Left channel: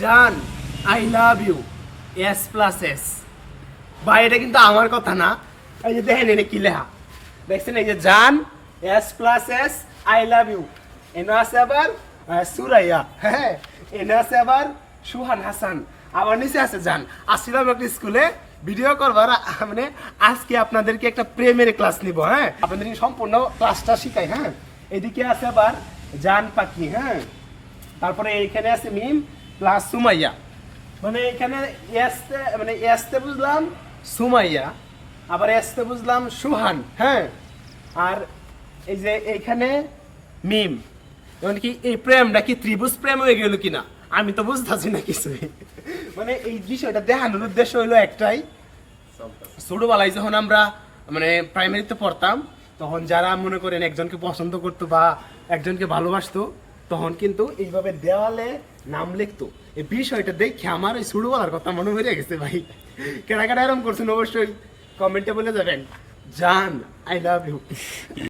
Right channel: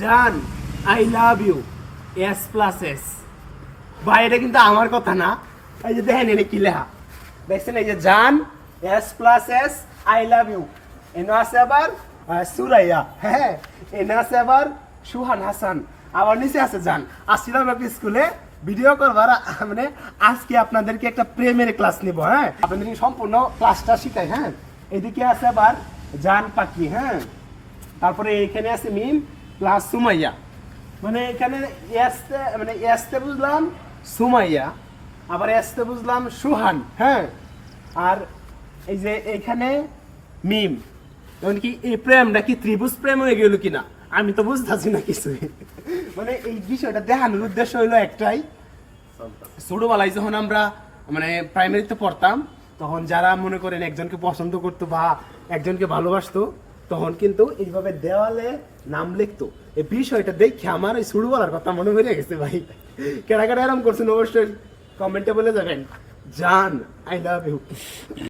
জান I love U S plus S. ভাই এটা কিন্তু আমার কথা না, এই যে দেখেন এটা কি লেখা দেখছেন, এই যে জান S plus S I love you. এনে আছে আবার সুরাইয়া, হ্যাঁ এনে আছে আবার সুহান হাসান, আবার নিচে আছে জান। আসছিলাম একটা স্কুলে ভিডিও করবার, মানে আজকে আপনাদেরকে একটা প্রেমের ক্লাস নিব। হ্যাঁ আপনাদের সম্পূর্ণ ক্লাসটা শিখাই। হ্যাঁ এদিকে আছে আবার জান পাখি, হ্যাঁ তারপরে এইখানে আছে মিম প্লাস সুমাইয়া, মানে এখানে এসতে মানে এসতে বুঝলাম সুমাইয়া, আবার এসতে বুঝলাম সুহান, হ্যাঁ আর এই যে এইখানে মিম। যেমন কি এই প্রেমটা কি ত্রিভুজ প্রেম হয়ে গেল কিনা আমি তো বুঝতেছি না কিছুই। মানে এই বিষয়টা দেখানোর উদ্দেশ্য হইলো একটাই, ছোটবেলায় যখন আমরা মানে প্রাইমারিতে পড়তাম তখন যারা মনে করেন একজনকে পছন্দ করতো বা একজনকে ভালোবাসতো তখন কিন্তু এইভাবে দেওয়ালে নাম লিখতো। এই বিষয়টা দেখে আমার ওই ছোটবেলার কথা মনে পড়ে গেছে ভাই। কেনা কেনা এরকম করছেন অবশ্যই কমেন্টে বলে যাবেন। জান আই লাভ ইউ।